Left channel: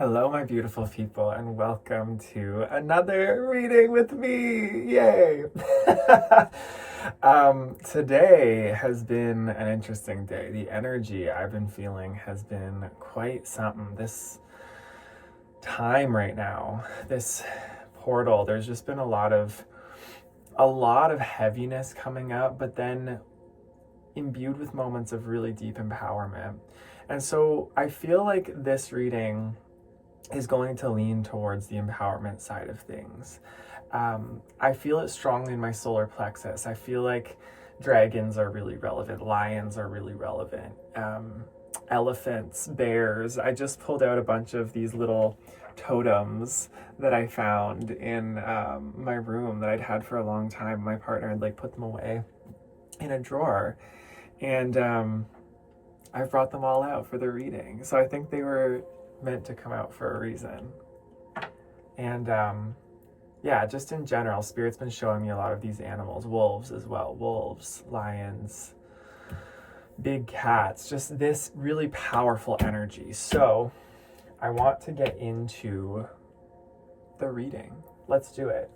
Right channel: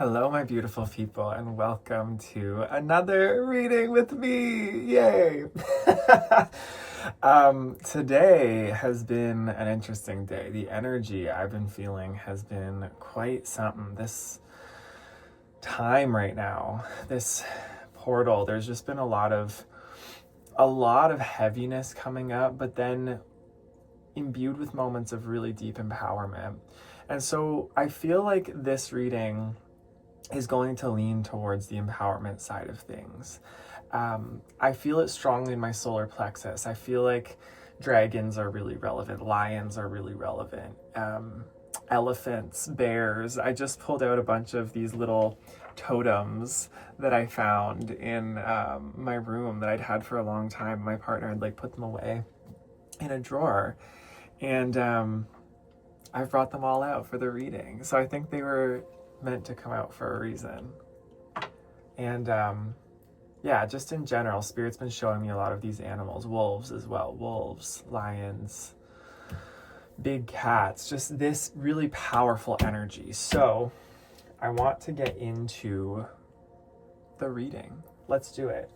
Hello, my beautiful people, and welcome to another reading with me. Yay! Today has been an interesting day. The energy I've been feeling has been quite something. This time right now, this portal, there's just been a lot of heaviness coming up, but then imbued with moments of really deep empowerment. And so I feel like this reading is going to lean towards the empowerment side of things. I feel it strongly in my solar plexus. I feel like dragons are really relevant, lions are really relevant, elephants, bears. I just pulled out a bunch of these little totems that I found in my room that I'd had for a long time. My partner had put them away in a drawer, and I've brought them all out for the reading. So I think they were meant to come out for a reason. And yeah, just in general, Spirit's been showing me a lot of these animals, wolves as well, wolves, lions, big cats, just this really powerful energy. So I want to get into the reading. Let's do it.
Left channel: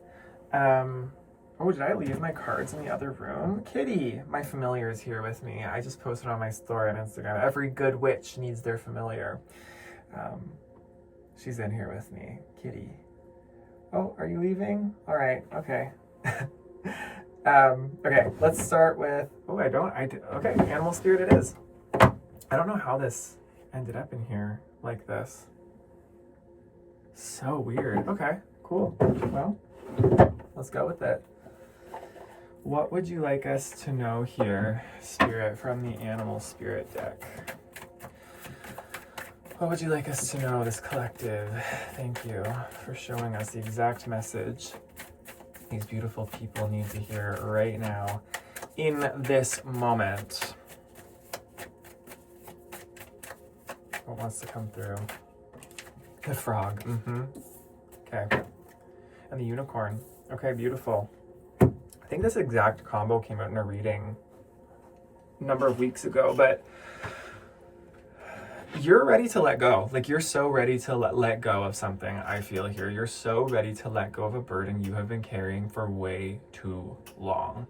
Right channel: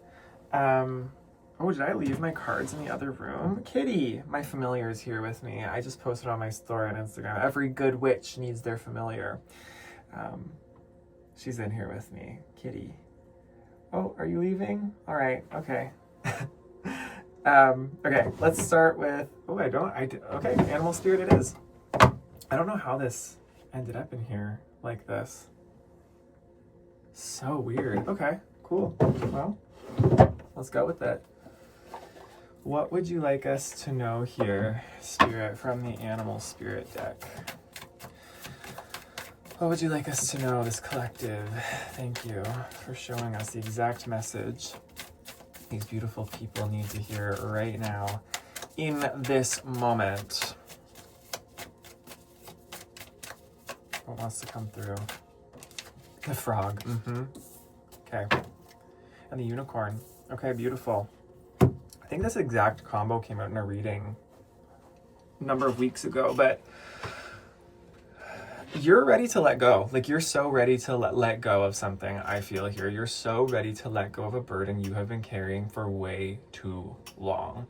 Oh, did I leave my cards in the other room? Kitty, my familiar, is here with me. I just posted on my story on Instagram, every good witch needs their familiar. She's in here with me, Kitty. Oh, are you leaving? All right, okay. Okay, let's start with, okay, animal spirit it is. I don't know how this ended up in here like this. So weird. Okay, cool. Well, let's go with it. What would you like us to know here, Spirit, from the animal spirit deck? What would you like us to know, this collective? Thank you for showing us the exact message these beautiful people need to hear right now, in this moment. What wants to come through? The frog. Okay. And the unicorn. Okay, beautiful. I think this exact combo came out in a reading a number of weeks ago, but you're ready to let go. You're so ready to let go of something, I feel here. You're so ready to let go of a burden you have been carrying for way too long.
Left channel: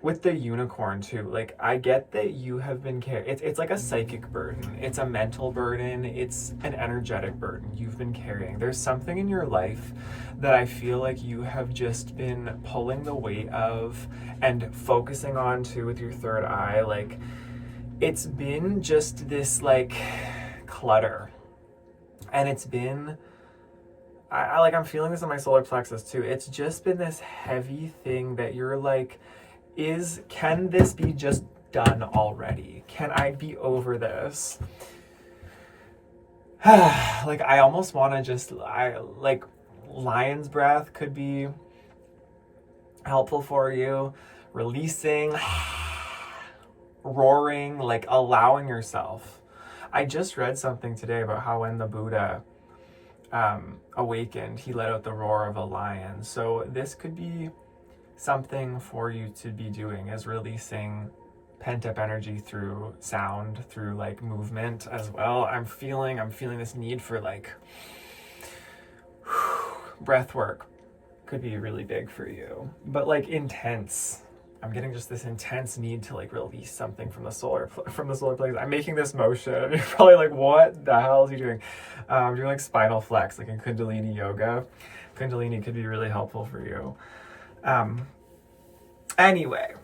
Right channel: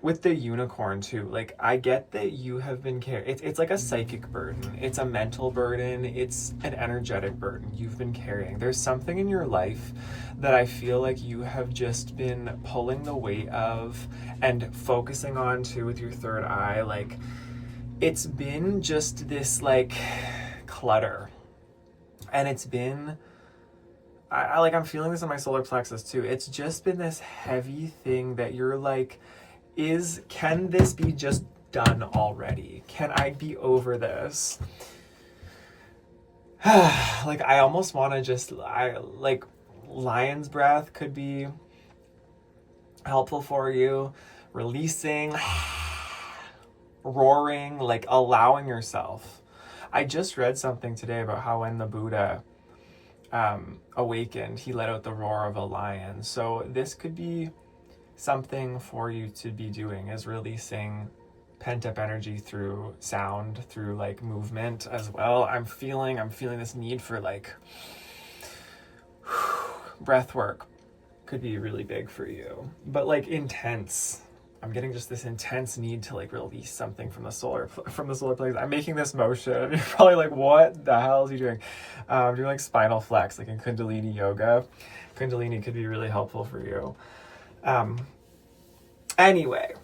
With the unicorn too, I get that you have been carrying, it's like a psychic burden. It's a mental burden. It's an energetic burden you've been carrying. There's something in your life that I feel like you have just been pulling the weight of and focusing on too with your third eye. It's been just this clutter, and it's been, I'm feeling this in my solar plexus too. It's just been this heavy thing that you're can this be just done already? Can I be over this? I almost want to just, lion's breath could be helpful for you. Releasing, roaring, allowing yourself. I just read something today about how when the Buddha awakened, he let out the roar of a lion. So this could be something for you to be doing, is releasing pent-up energy through sound, through movement as well. I'm feeling this need for breath work could be really big for you, but intense. I'm getting just this intense need to release something from the solar plexus. I'm making this motion and you're probably what the hell is he doing? Doing spinal flex, in Kundalini yoga. Kundalini could be really helpful for you. Anyway,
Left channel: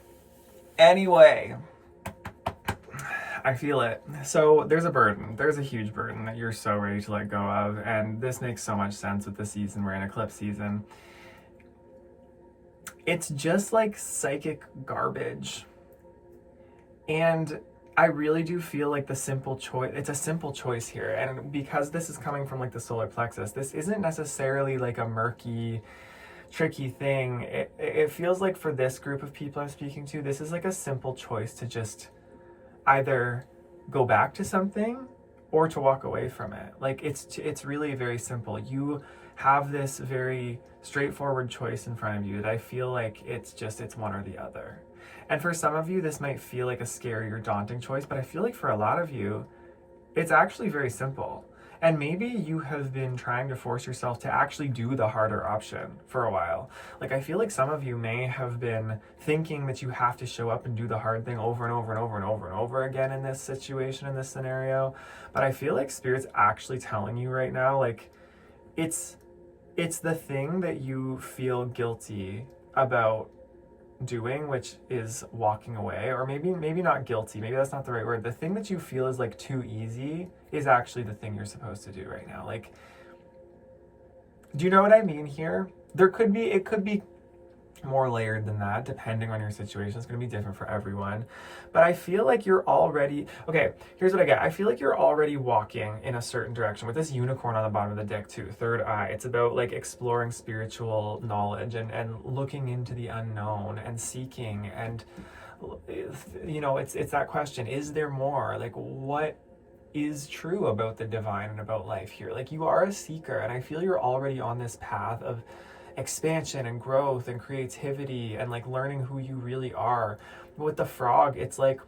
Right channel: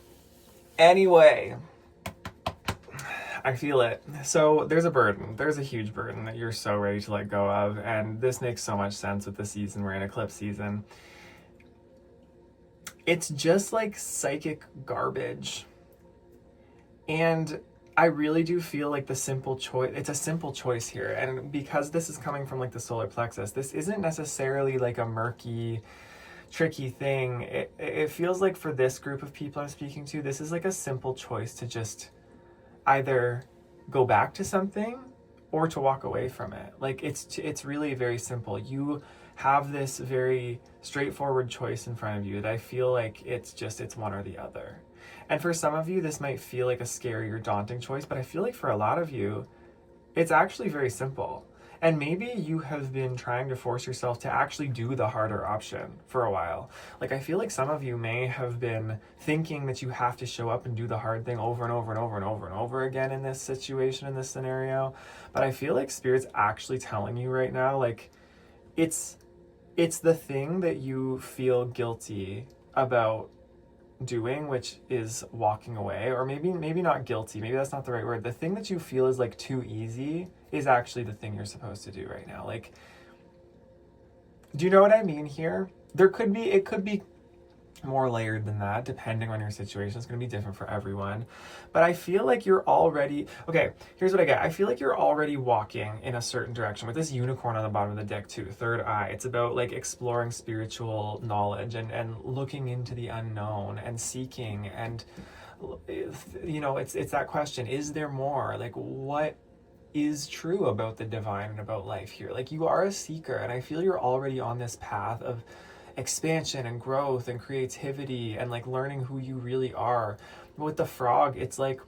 I feel it. So there's a huge burden that you're so ready to let go of, and this makes so much sense with the season we're in, eclipse season. It's just psychic garbage, and I really do feel the simple choice, it's a simple choice here, and because this is coming from the solar plexus, this isn't necessarily a murky, tricky thing. It feels for this group of people I'm speaking to, this is a simple choice to just either go back to something or to walk away from it. It's really very simple. You have this very straightforward choice in front of you that I feel it's one or the other. And for some of you, this might feel like a scary or daunting choice, but I feel for a lot of you, it's actually very simple. And maybe you have been trying to force yourself to actually do the harder option for a while. Like, I feel like some of you may have been thinking that you have to show up and do the hard thing over and over and over and over and over again in this situation, in this scenario. But I feel like Spirit's actually telling you right now, like, it's the thing that you feel guilty about doing, which is walking away, or maybe not guilty, maybe that's not the right word. The thing that you feel is like too easy is actually the thing you're supposed to do right now. Like, do you know what I mean here? It could be more layered than that, depending on your situation. It's going to be different for everyone. But I feel like you're already, okay, here's what I get. I feel like you're already walking in a certain direction with this unicorn on the bottom of the deck too, third eye. It's about like exploring spiritual knowledge and looking into the unknown and seeking. And, you know, it's that question, is there more? Like, what is true about the divine and about life here? Like, you are a seeker, and I feel you're already on this path of expansion and growth and creativity and like learning who you really are. But with the frog, it's like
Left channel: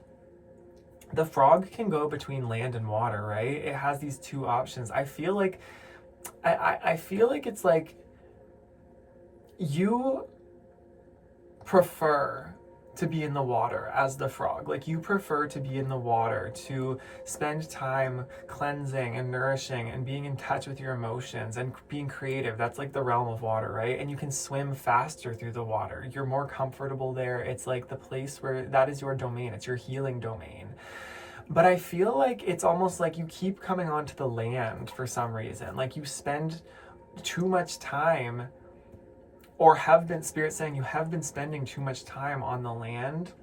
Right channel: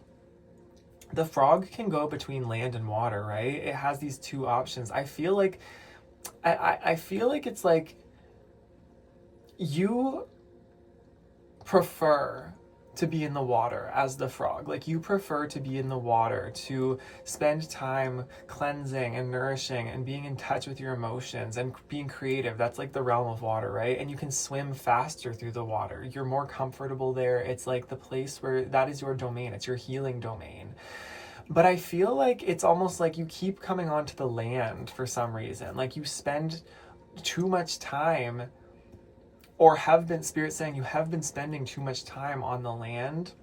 the frog can go between land and water, right? It has these two options. I feel like I feel like it's like you prefer to be in the water as the frog. Like, you prefer to be in the water, to spend time cleansing and nourishing and being in touch with your emotions and being creative. That's like the realm of water, right? And you can swim faster through the water. You're more comfortable there. It's like the place where that is your domain. It's your healing domain. But I feel like it's almost like you keep coming onto the land for some reason. Like, you spend too much time, or have been, Spirit saying you have been spending too much time on the land,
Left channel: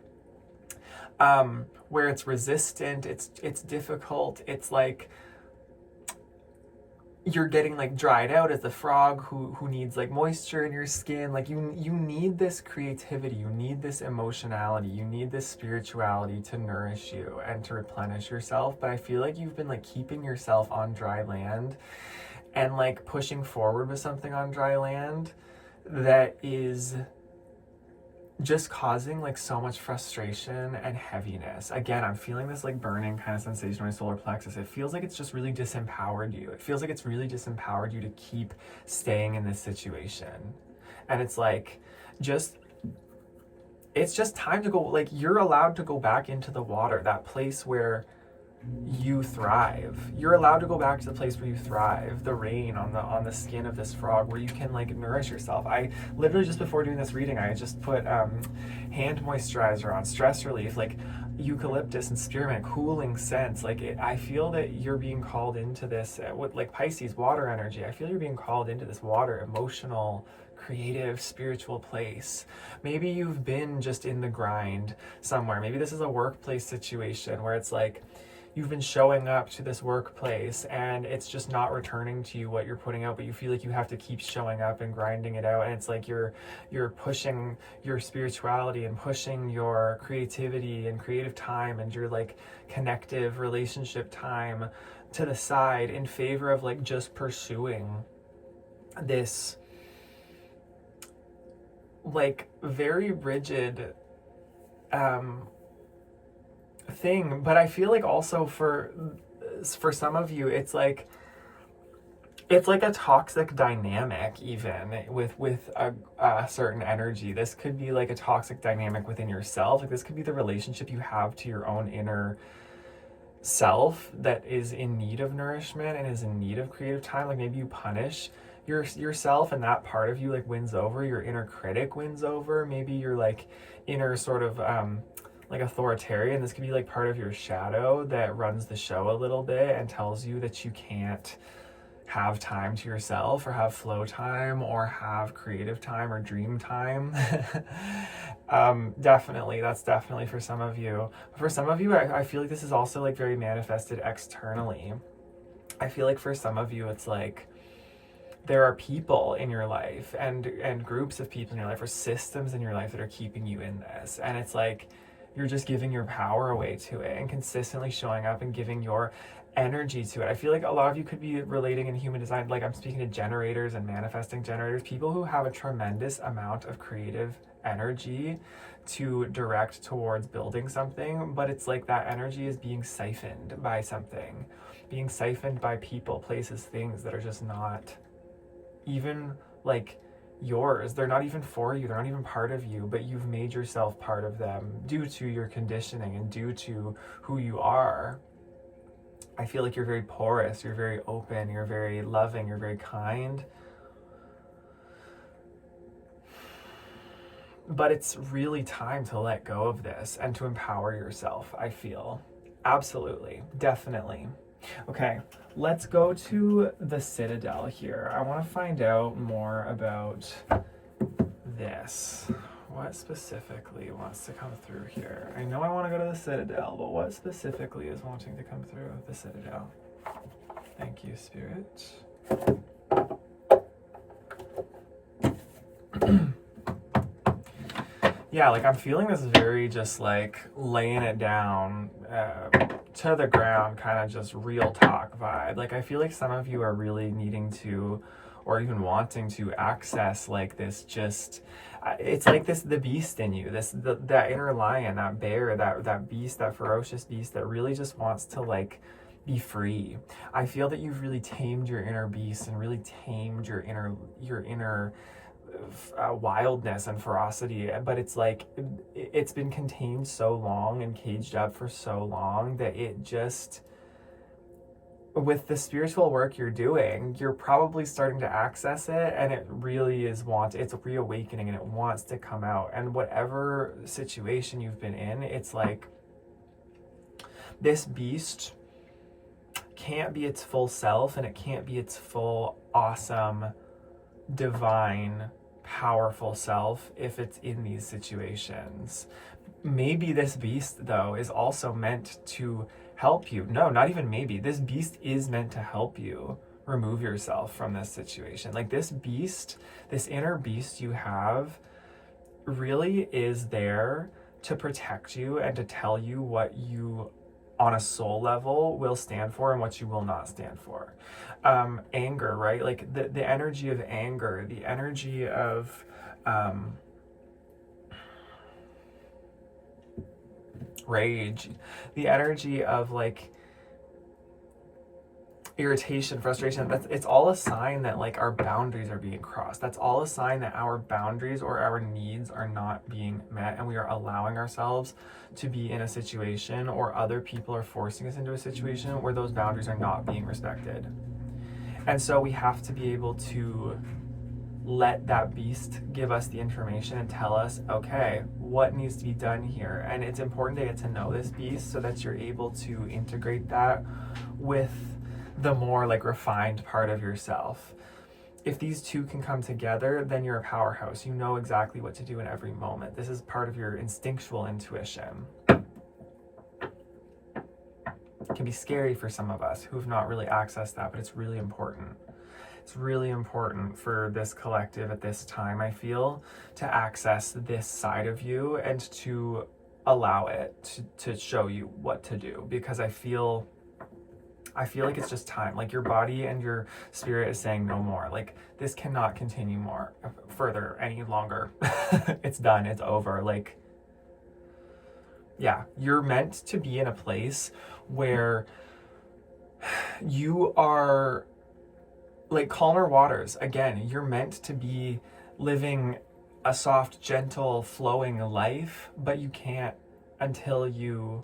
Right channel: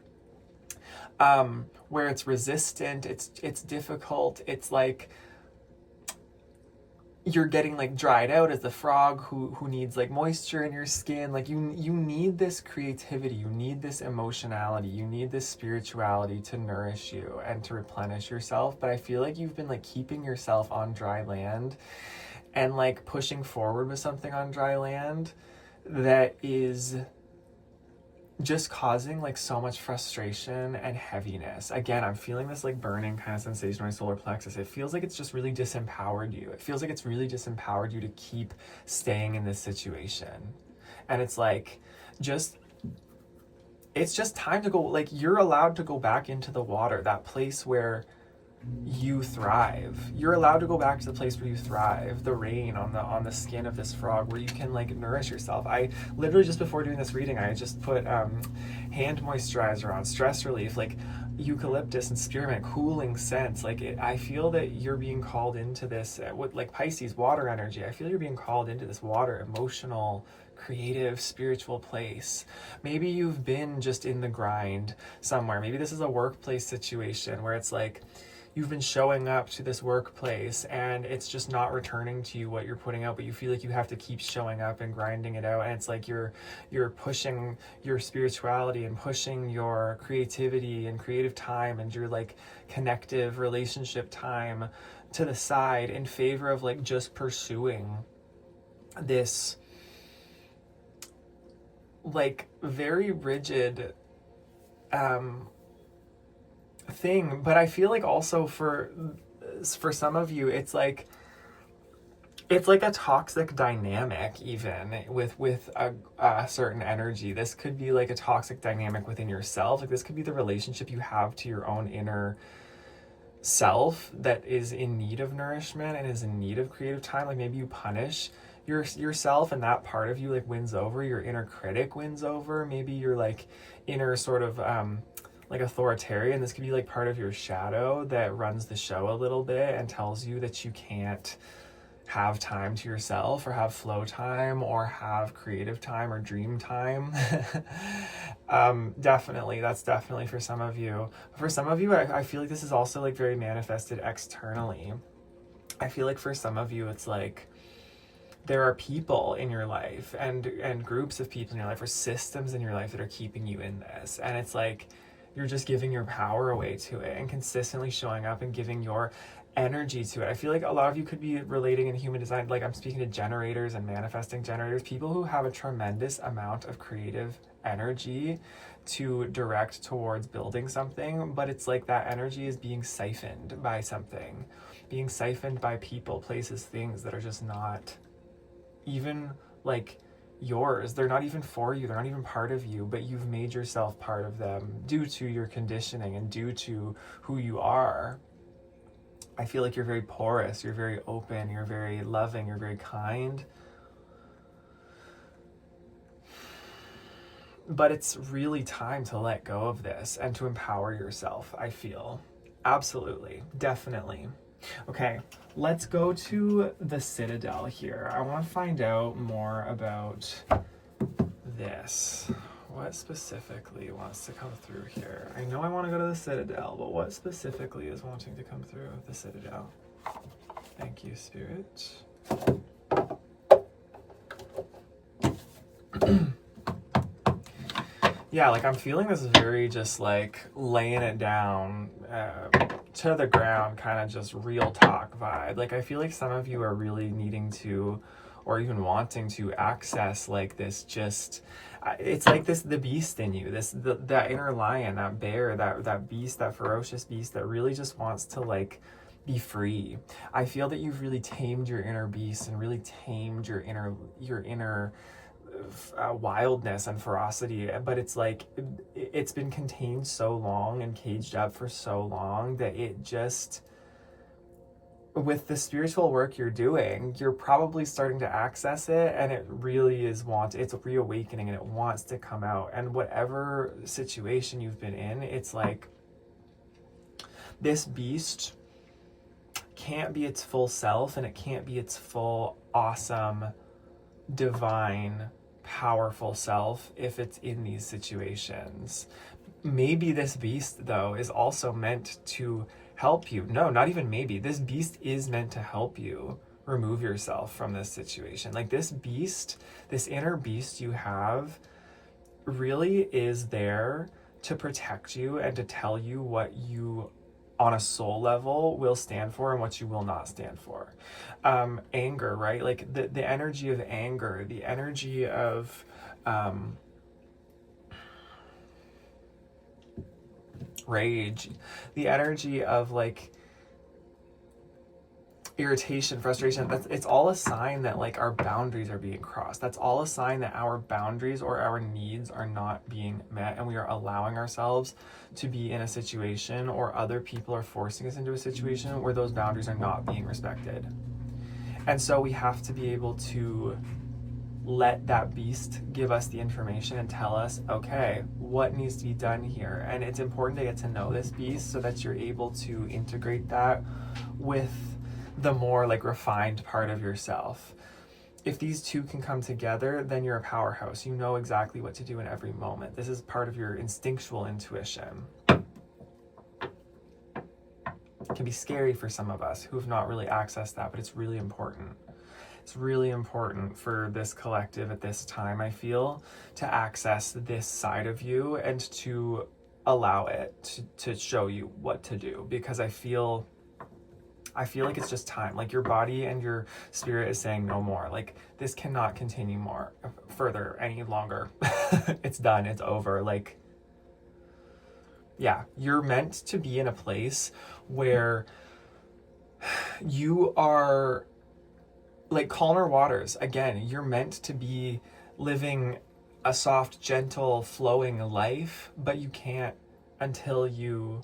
where it's resistant, it's difficult, it's like you're getting like dried out as the frog who needs like moisture in your skin. Like, you need this creativity, you need this emotionality, you need this spirituality to nourish you and to replenish yourself. But I feel like you've been like keeping yourself on dry land and like pushing forward with something on dry land that is just causing like so much frustration and heaviness. Again, I'm feeling this like burning kind of sensation in my solar plexus. It feels like it's just really disempowered you. It feels like it's really disempowered you to keep staying in this situation. And it's like, it's just time to go. Like, you're allowed to go back into the water, that place where you thrive. You're allowed to go back to the place where you thrive, the rain on the skin of this frog, where you can like nourish yourself. I literally, just before doing this reading, I just put hand moisturizer on, stress relief, like eucalyptus and spearmint, cooling scents. Like, I feel that you're being called into this with like Pisces, water energy. I feel you're being called into this water, emotional, creative, spiritual place. Maybe you've been just in the grind somewhere. Maybe this is a workplace situation where it's like you've been showing up to this workplace and it's just not returning to you what you're putting out, but you feel like you have to keep showing up and grinding it out. And it's like you're pushing your spirituality and pushing your creativity and creative time and your like connective relationship time to the side in favor of like just pursuing this like very rigid thing. But I feel like also for some of you, it's like a toxic dynamic, even with a certain energy. This could be like a toxic dynamic within yourself. Like, this could be the relationship you have to your own inner self that is in need of nourishment and is in need of creative time. Like, maybe you punish yourself and that part of you like wins over. Your inner critic wins over. Maybe your like inner sort of like authoritarian. This could be like part of your shadow that runs the show a little bit and tells you that you can't have time to yourself or have flow time or have creative time or dream time. That's definitely for some of you. For some of you, I feel like this is also like very manifested externally. I feel like for some of you, it's like there are people in your life and groups of people in your life or systems in your life that are keeping you in this. And it's like you're just giving your power away to it and consistently showing up and giving your energy to it. I feel like a lot of you could be relating in human design. Like, I'm speaking to generators and manifesting generators, people who have a tremendous amount of creative energy to direct towards building something, but it's like that energy is being siphoned by something. being siphoned by people, places, things that are just not even like yours. They're not even for you. They're not even part of you, but you've made yourself part of them due to your conditioning and due to who you are. I feel like you're very porous, you're very open, you're very loving, you're very kind. But it's really time to let go of this and to empower yourself, I feel. Absolutely. Definitely. Okay, let's go to the Citadel here. I want to find out more about this. What specifically wants to come through here? I know I want to go to the Citadel, but what specifically is wanting to come through the Citadel? Thank you, Spirit. Yeah, like I'm feeling this very just like laying it down to the ground, kind of just real talk vibe. Like I feel like some of you are really needing to, or even wanting to access like this just, it's like this, the beast in you, that inner lion, that bear, that beast, that ferocious beast that really just wants to like be free. I feel that you've really tamed your inner beast and really tamed your inner wildness and ferocity, but it's like it's been contained so long and caged up for so long that it just, with the spiritual work you're doing, you're probably starting to access it, and it really is it's reawakening and it wants to come out. And whatever situation you've been in, it's like this beast can't be its full self, and it can't be its full awesome divine powerful self if it's in these situations. Maybe this beast though is also meant to help you. No, not even maybe. This beast is meant to help you remove yourself from this situation. Like this beast, this inner beast you have really is there to protect you and to tell you what you on a soul level will stand for and what you will not stand for. Anger, right? Like the energy of anger, the energy of rage, the energy of like irritation, frustration, it's all a sign that like our boundaries are being crossed. That's all a sign that our boundaries or our needs are not being met, and we are allowing ourselves to be in a situation, or other people are forcing us into a situation where those boundaries are not being respected. And so we have to be able to let that beast give us the information and tell us, okay, what needs to be done here. And it's important to get to know this beast so that you're able to integrate that with the more like refined part of yourself. If these two can come together, then you're a powerhouse. You know exactly what to do in every moment. This is part of your instinctual intuition. It can be scary for some of us who have not really accessed that, but it's really important. It's really important for this collective at this time, I feel, to access this side of you and to allow it to show you what to do, because I feel like it's just time. Like your body and your spirit is saying no more. Like this cannot continue further any longer. It's done. It's over. Like, yeah, you're meant to be in a place where you are like calmer waters. Again, you're meant to be living a soft, gentle, flowing life, but you can't until you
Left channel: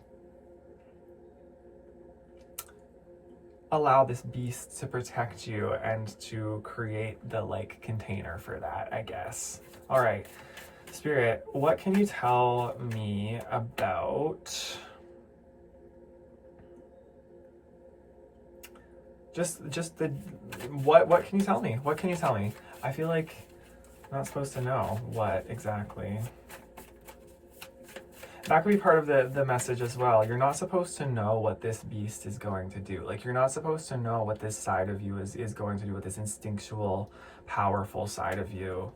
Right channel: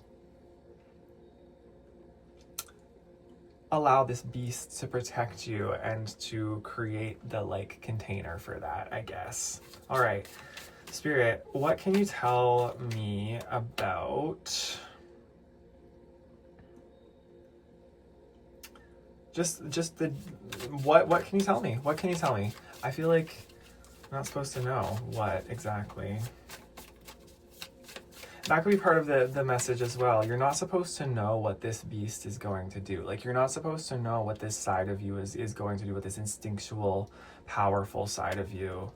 allow this beast to protect you and to create the like container for that, I guess. All right, Spirit, what can you tell me about just the what can you tell me? What can you tell me? I feel like I'm not supposed to know what exactly. That could be part of the message as well. You're not supposed to know what this beast is going to do. Like, you're not supposed to know what this side of you is going to do, what this instinctual, powerful side of you.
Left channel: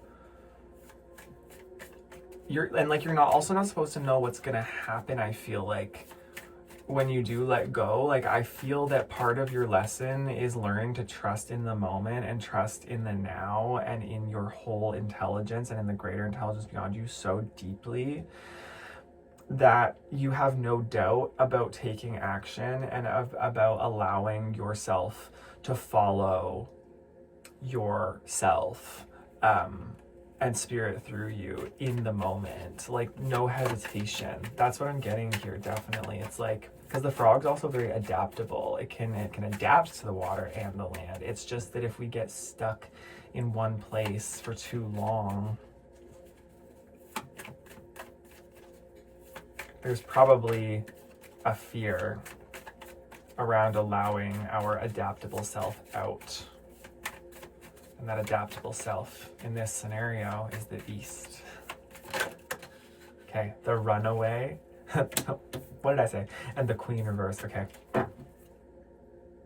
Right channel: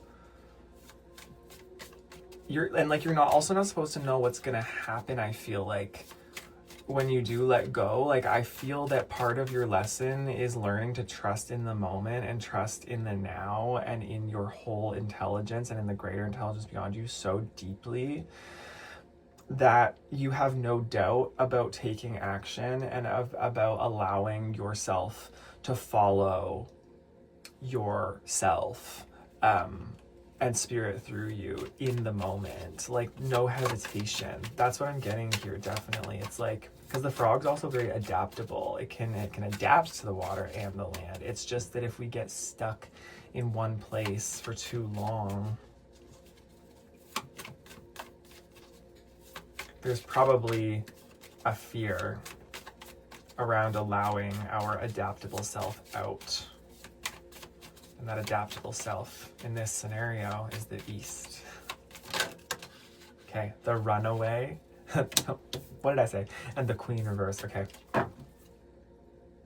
You're also not supposed to know what's going to happen, I feel like, when you do let go. Like, I feel that part of your lesson is learning to trust in the moment and trust in the now and in your whole intelligence and in the greater intelligence beyond you so deeply that you have no doubt about taking action and about allowing yourself to follow yourself, and spirit through you in the moment. Like, no hesitation. That's what I'm getting here, definitely. It's like, because the frog's also very adaptable. It can adapt to the water and the land. It's just that if we get stuck in one place for too long, there's probably a fear around allowing our adaptable self out. And that adaptable self in this scenario is the beast. Okay, the runaway. What did I say? And the queen reverse, okay.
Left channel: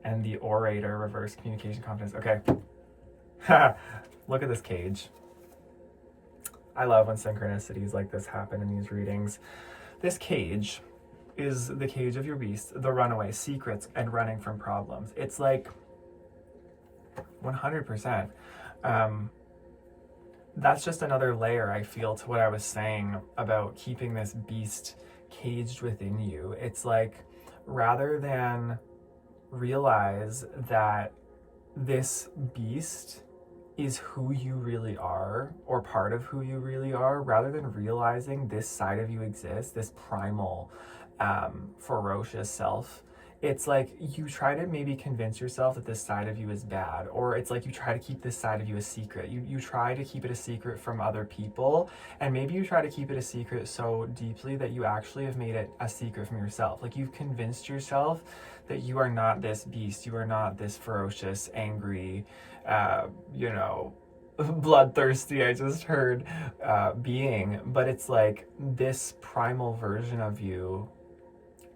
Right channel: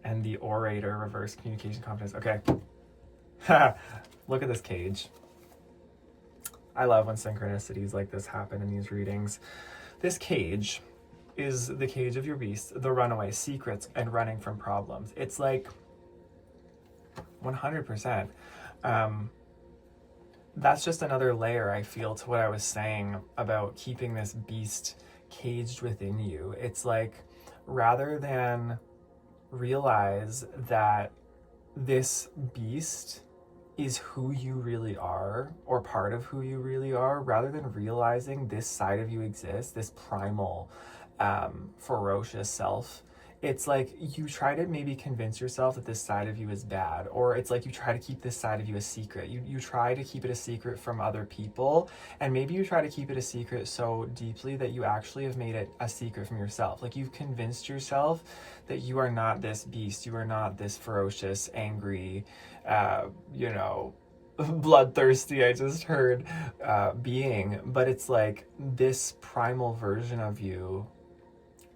And the orator reverse, communication, confidence, okay. Look at this cage. I love when synchronicities like this happen in these readings. This cage is the cage of your beast, the runaway, secrets, and running from problems. It's like 100%. That's just another layer, I feel, to what I was saying about keeping this beast caged within you. It's like, rather than realize that this beast is who you really are, or part of who you really are, rather than realizing this side of you exists, this primal, ferocious self, it's like you try to maybe convince yourself that this side of you is bad, or it's like you try to keep this side of you a secret. You try to keep it a secret from other people, and maybe you try to keep it a secret so deeply that you actually have made it a secret from yourself. Like, you've convinced yourself that you are not this beast, you are not this ferocious, angry, bloodthirsty, I just heard, being, but it's like this primal version of you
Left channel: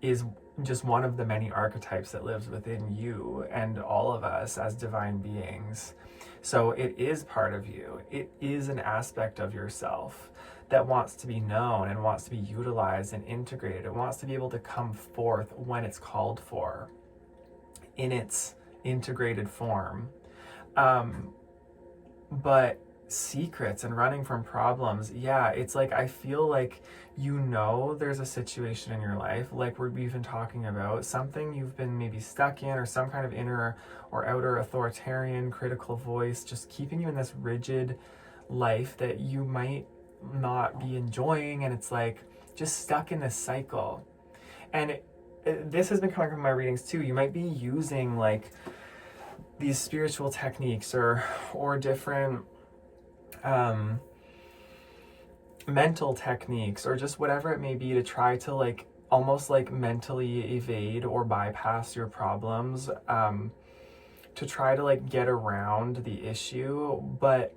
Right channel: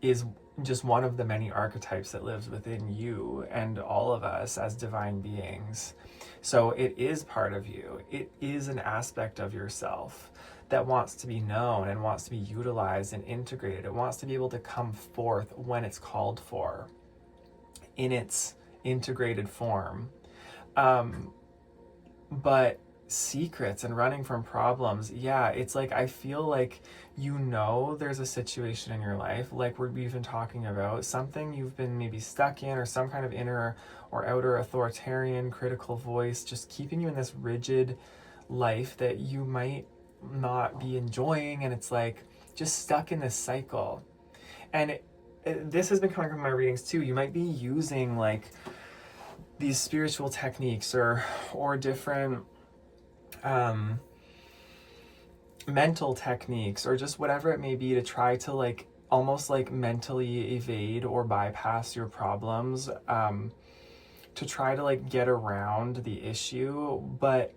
is just one of the many archetypes that lives within you and all of us as divine beings. So it is part of you. It is an aspect of yourself that wants to be known and wants to be utilized and integrated. It wants to be able to come forth when it's called for in its integrated form. But secrets and running from problems, yeah, it's like, I feel like, there's a situation in your life, like we've been talking about, something you've been maybe stuck in, or some kind of inner or outer authoritarian critical voice just keeping you in this rigid life that you might not be enjoying, and it's like just stuck in this cycle. And this has been coming from my readings too. You might be using like these spiritual techniques or different mental techniques, or just whatever it may be, to try to like almost like mentally evade or bypass your problems, to try to like get around the issue. But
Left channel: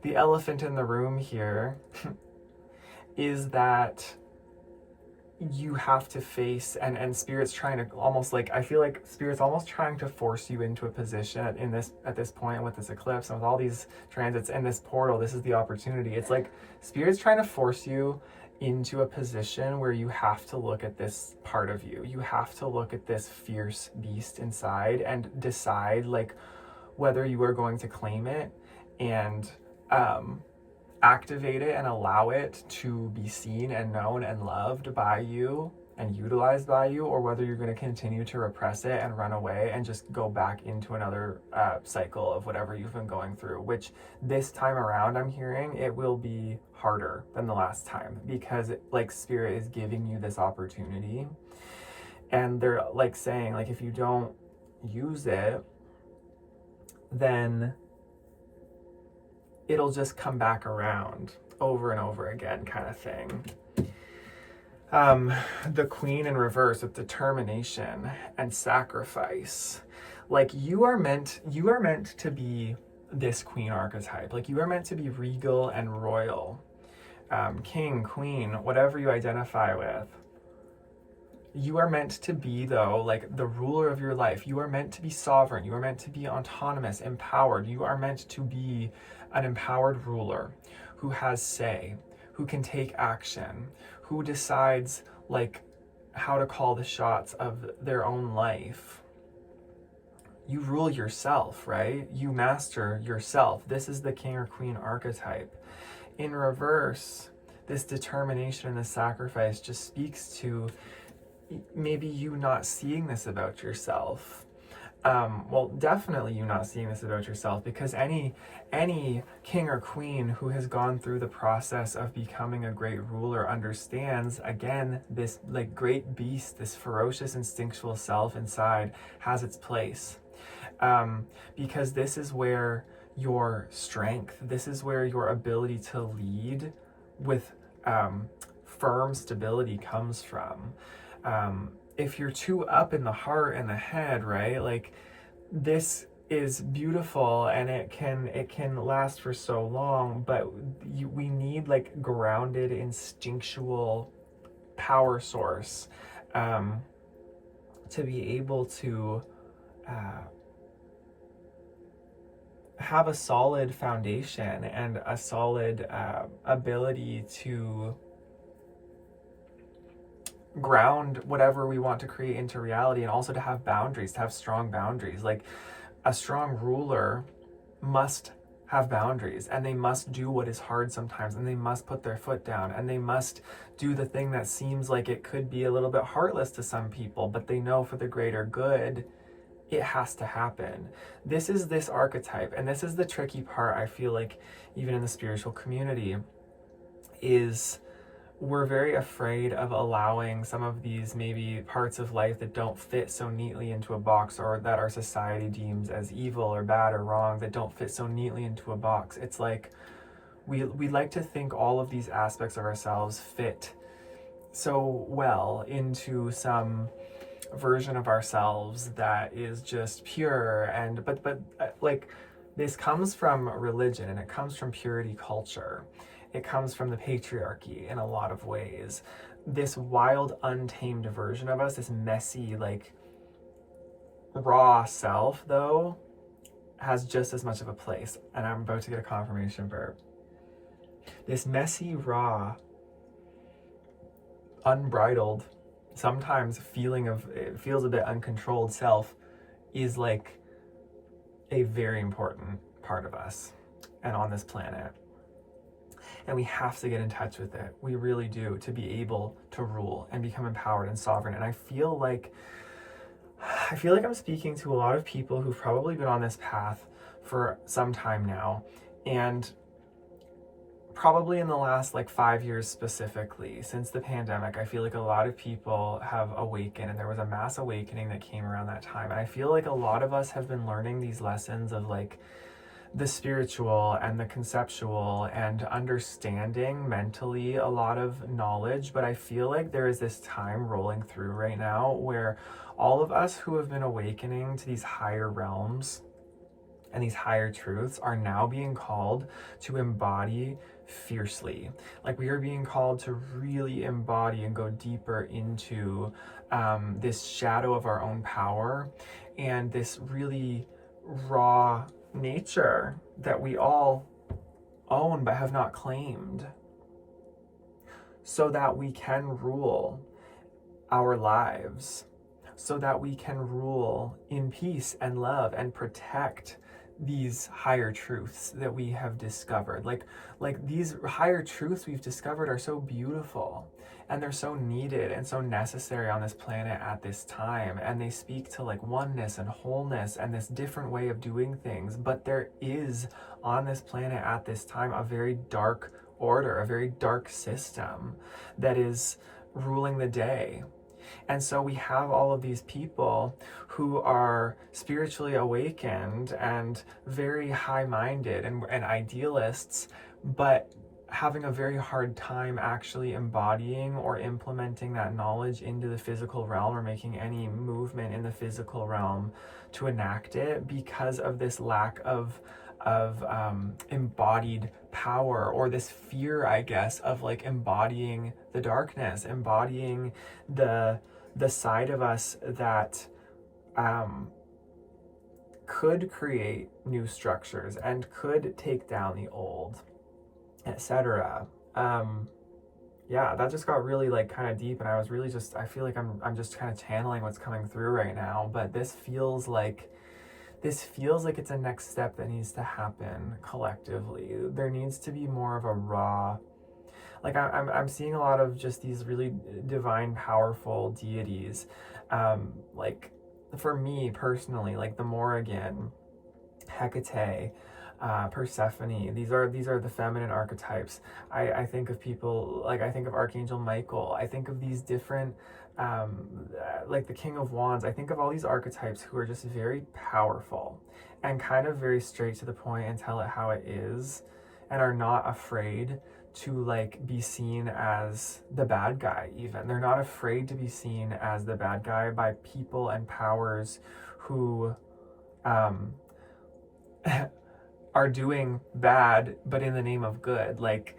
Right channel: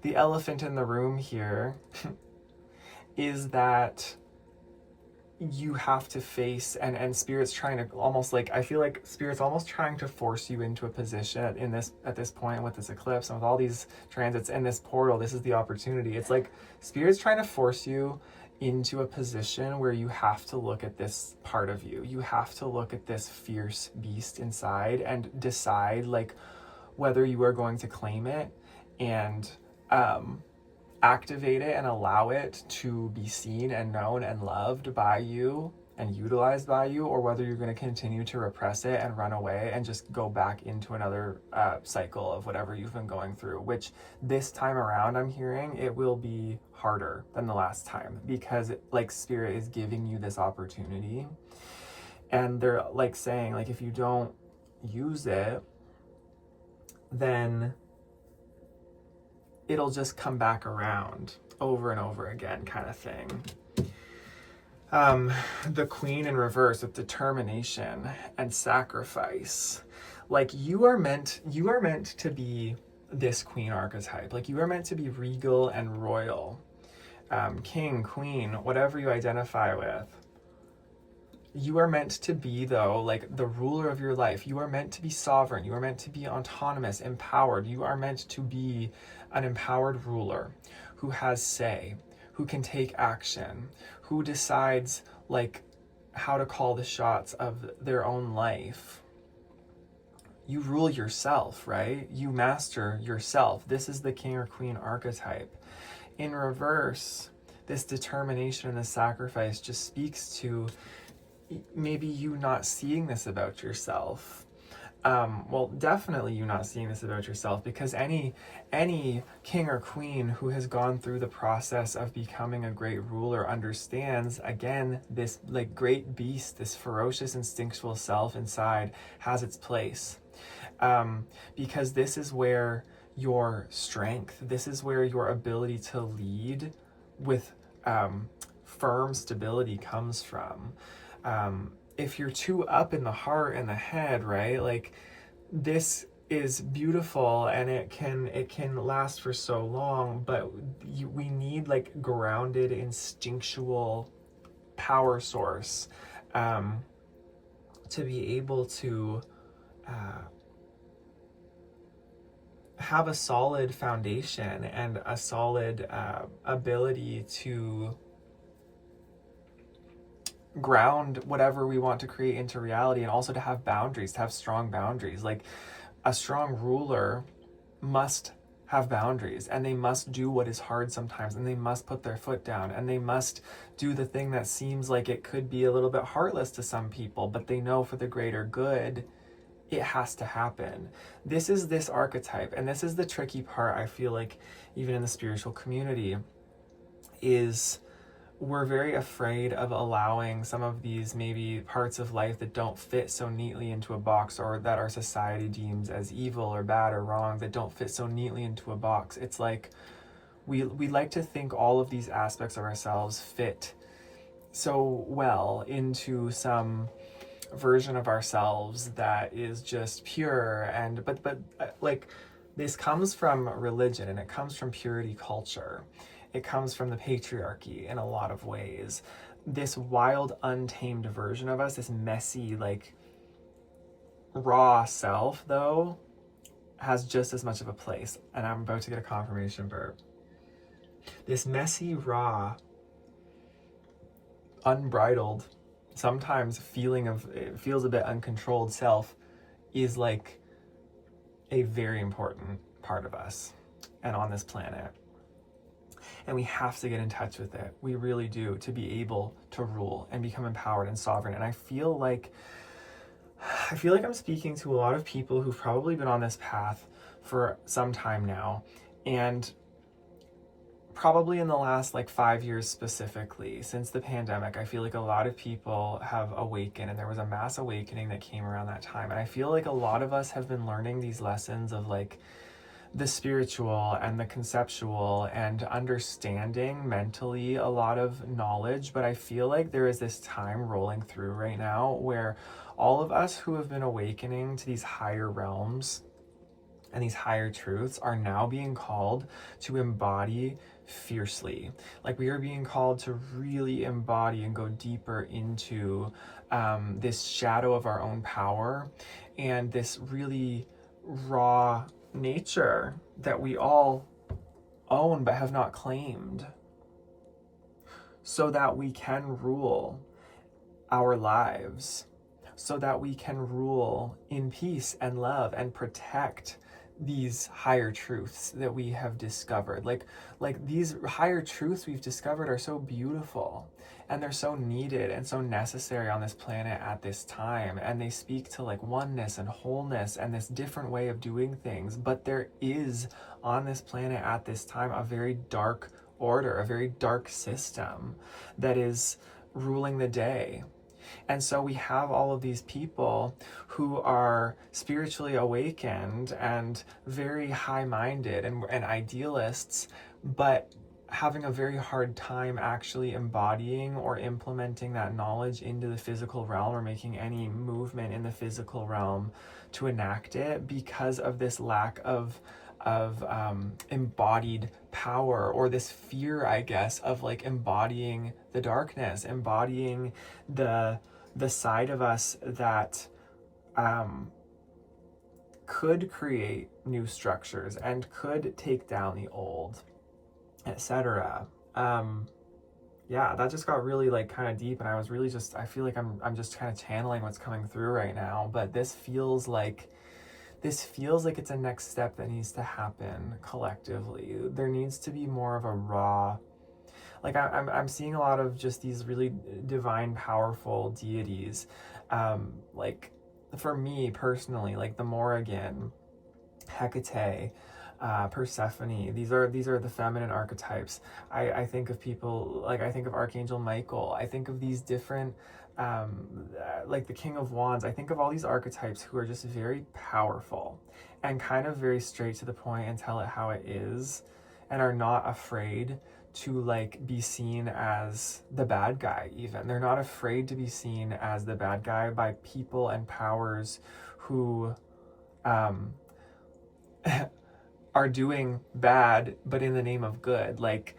the elephant in the room here is that you have to face, and spirit's trying to almost like, I feel like spirit's almost trying to force you into a position at this point with this eclipse and with all these transits and this portal. This is the opportunity. It's like spirit's trying to force you into a position where you have to look at this part of you. You have to look at this fierce beast inside and decide like whether you are going to claim it and activate it and allow it to be seen and known and loved by you and utilized by you, or whether you're going to continue to repress it and run away and just go back into another cycle of whatever you've been going through, which this time around I'm hearing it will be harder than the last time, because like spirit is giving you this opportunity, and they're like saying like, if you don't use it, then it'll just come back around over and over again, kind of thing. The queen in reverse with determination and sacrifice. Like, you are meant to be this queen archetype. Like, you are meant to be regal and royal. King, queen, whatever you identify with. You are meant to be, though, like the ruler of your life. You are meant to be sovereign. You are meant to be autonomous, empowered. You are meant to be an empowered ruler who has say, who can take action, who decides like how to call the shots of their own life. You rule yourself, right? You master yourself. This is the king or queen archetype. In reverse, this determination and this sacrifice just speaks to maybe you not seeing this about yourself. Well, definitely you not seeing this about yourself, because any king or queen who has gone through the process of becoming a great ruler understands, again, this like great beast, this ferocious instinctual self inside has its place. Because this is where your strength, this is where your ability to lead with firm stability comes from. If you're too up in the heart and the head, right, like this is beautiful and it can last for so long, but we need like grounded instinctual power source to be able to have a solid foundation and a solid ability to ground whatever we want to create into reality, and also to have boundaries, to have strong boundaries. Like a strong ruler must have boundaries, and they must do what is hard sometimes, and they must put their foot down, and they must do the thing that seems like it could be a little bit heartless to some people, but they know for the greater good it has to happen. This is this archetype, and this is the tricky part, I feel like, even in the spiritual community, is we're very afraid of allowing some of these maybe parts of life that don't fit so neatly into a box, or that our society deems as evil or bad or wrong, that don't fit so neatly into a box. It's like we like to think all of these aspects of ourselves fit so well into some version of ourselves that is just pure. And but like this comes from religion, and it comes from purity culture. It comes from the patriarchy in a lot of ways. This wild, untamed version of us, this messy, like raw self, though, has just as much of a place. And I'm about to get a confirmation verb. This messy, raw, unbridled, sometimes it feels a bit uncontrolled self is like a very important part of us and on this planet. And we have to get in touch with it. We really do, to be able to rule and become empowered and sovereign. And I feel like I'm speaking to a lot of people who've probably been on this path for some time now, and probably in the last like 5 years specifically, since the pandemic, I feel like a lot of people have awakened, and there was a mass awakening that came around that time. And I feel like a lot of us have been learning these lessons of like the spiritual and the conceptual, and understanding mentally a lot of knowledge. But I feel like there is this time rolling through right now where all of us who have been awakening to these higher realms and these higher truths are now being called to embody fiercely. Like we are being called to really embody and go deeper into this shadow of our own power, and this really raw nature that we all own but have not claimed, so that we can rule our lives, so that we can rule in peace and love and protect these higher truths that we have discovered. Like these higher truths we've discovered are so beautiful, and they're so needed and so necessary on this planet at this time. And they speak to like oneness and wholeness and this different way of doing things. But there is on this planet at this time a very dark order, a very dark system that is ruling the day. And so we have all of these people who are spiritually awakened and very high-minded and idealists, but having a very hard time actually embodying or implementing that knowledge into the physical realm, or making any movement in the physical realm to enact it, because of this lack of embodied power, or this fear, I guess, of like embodying the darkness, embodying the side of us that could create new structures and could take down the old, etc. Yeah, that just got really like kind of deep, and I was really I feel like I'm just kind of channeling what's coming through right now. But this feels like it's a next step that needs to happen collectively. There needs to be more of a raw, Like I'm seeing a lot of just these really divine, powerful deities. Like for me personally, like the Morrigan, Hecate, Persephone. These are the feminine archetypes. I think of people, like I think of Archangel Michael. I think of these different, like the King of Wands. I think of all these archetypes who are just very powerful and kind of very straight to the point and tell it how it is, and are not afraid to like be seen as the bad guy. Even they're not afraid to be seen as the bad guy by people and powers who are doing bad but in the name of good. Like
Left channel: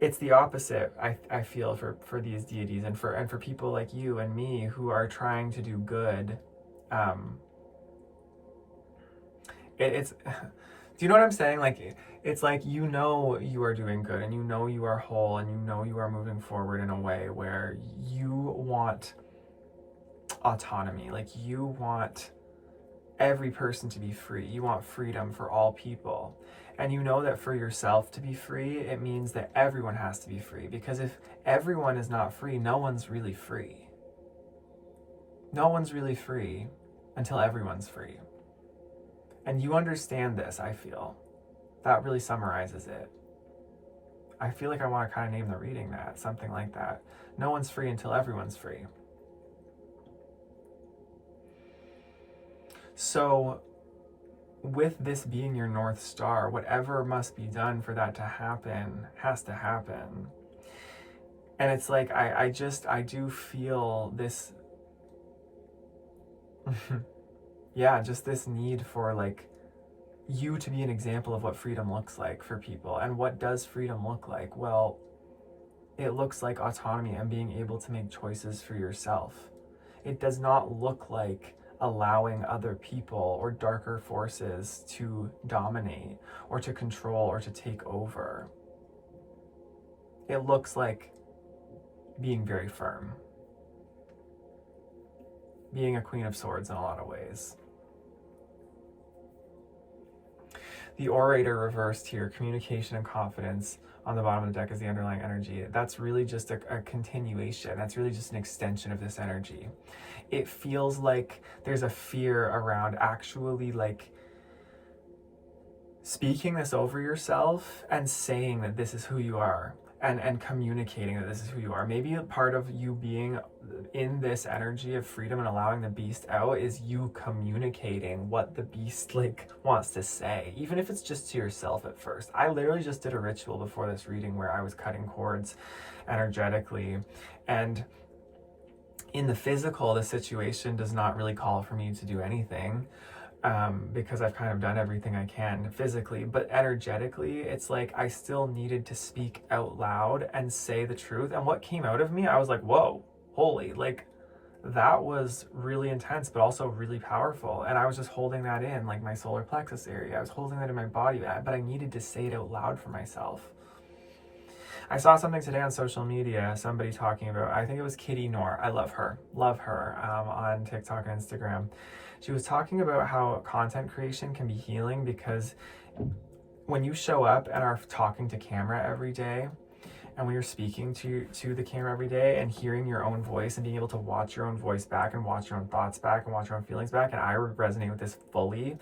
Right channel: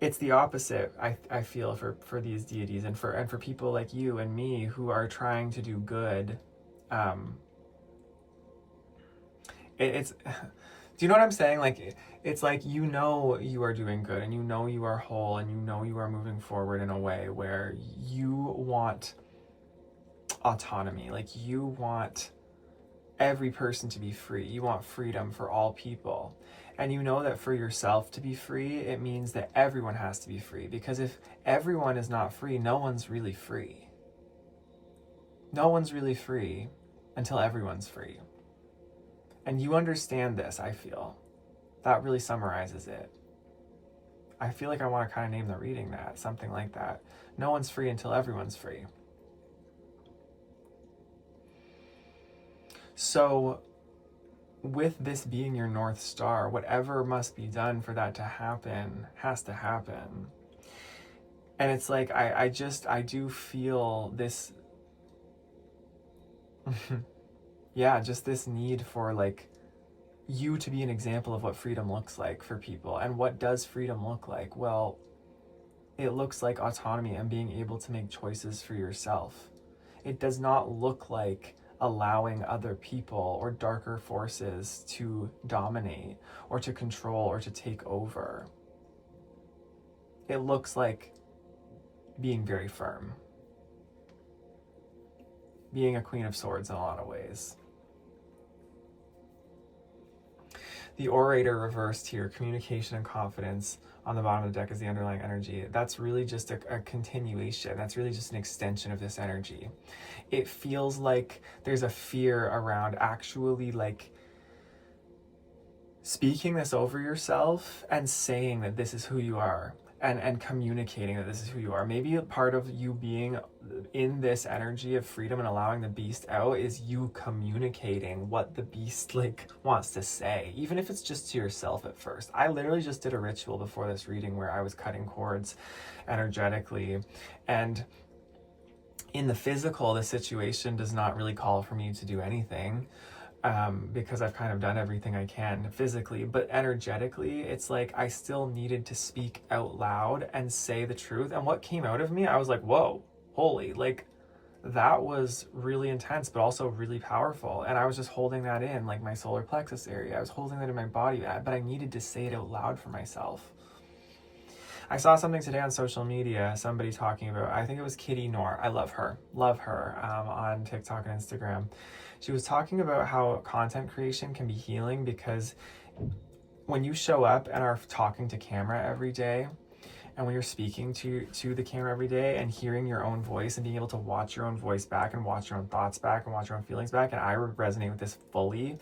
it's the opposite, I feel, for these deities and for people like you and me who are trying to do good. It's do you know what I'm saying? Like it's like, you know, you are doing good, and you know you are whole, and you know you are moving forward in a way where you want autonomy. Like you want every person to be free. You want freedom for all people. And you know that for yourself to be free, it means that everyone has to be free. Because if everyone is not free, no one's really free. No one's really free until everyone's free. And you understand this, I feel. That really summarizes it. I feel like I want to kind of name the reading that, something like that. No one's free until everyone's free. So with this being your North Star, whatever must be done for that to happen has to happen. And it's like, I do feel this, yeah, just this need for like you to be an example of what freedom looks like for people. And what does freedom look like? Well, it looks like autonomy and being able to make choices for yourself. It does not look like allowing other people or darker forces to dominate or to control or to take over. It looks like being very firm, being a Queen of Swords in a lot of ways. The Orator reversed here, communication and confidence on the bottom of the deck is the underlying energy. That's really just a continuation. That's really just an extension of this energy. It feels like there's a fear around actually like speaking this over yourself and saying that this is who you are, and communicating that this is who you are. Maybe a part of you being in this energy of freedom and allowing the beast out is you communicating what the beast like wants to say, even if it's just to yourself at first. I literally just did a ritual before this reading where I was cutting cords energetically, and in the physical, the situation does not really call for me to do anything, because I've kind of done everything I can physically, but energetically, it's like I still needed to speak out loud and say the truth. And what came out of me, I was like, whoa, holy, like that was really intense, but also really powerful. And I was just holding that in, like my solar plexus area. I was holding that in my body, but I needed to say it out loud for myself. I saw something today on social media, somebody talking about, I think it was Kitty Noor. I love her on TikTok and Instagram. She was talking about how content creation can be healing, because when you show up and are talking to camera every day, and when you're speaking to the camera every day and hearing your own voice and being able to watch your own voice back and watch your own thoughts back and watch your own feelings back, and I resonate with this fully,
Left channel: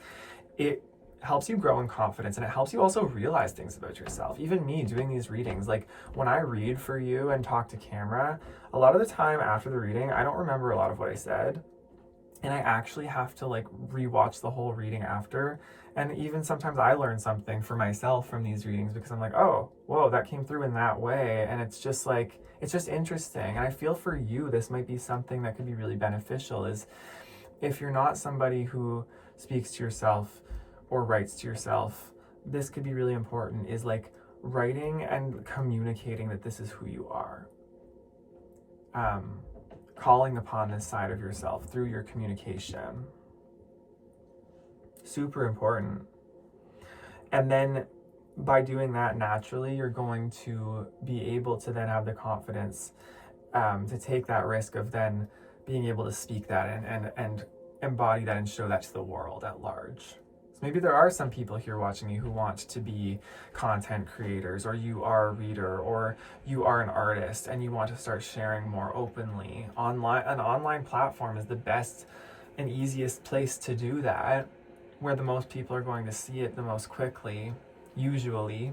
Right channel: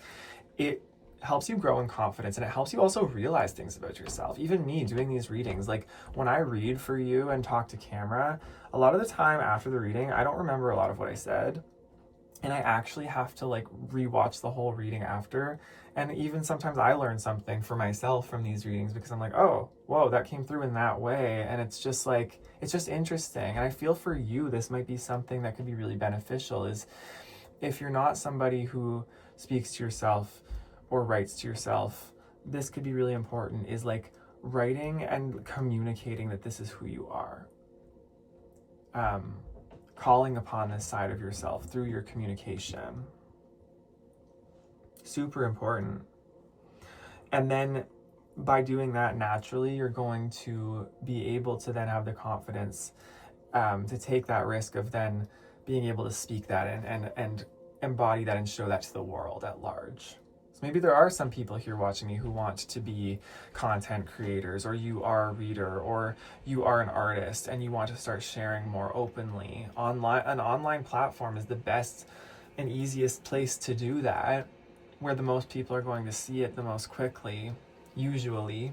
it helps you grow in confidence, and it helps you also realize things about yourself. Even me doing these readings, like when I read for you and talk to camera, a lot of the time after the reading, I don't remember a lot of what I said. And I actually have to like rewatch the whole reading after. And even sometimes I learn something for myself from these readings, because I'm like, oh, whoa, that came through in that way. And it's just like, it's just interesting. And I feel for you, this might be something that could be really beneficial, is if you're not somebody who speaks to yourself or writes to yourself, this could be really important, is like writing and communicating that this is who you are. Calling upon this side of yourself through your communication. Super important. And then by doing that naturally, you're going to be able to then have the confidence to take that risk of then being able to speak that and embody that and show that to the world at large. It's Maybe there are some people here watching me who want to be content creators, or you are a reader, or you are an artist and you want to start sharing more openly. An online platform is the best and easiest place to do that, where the most people are going to see it the most quickly, usually.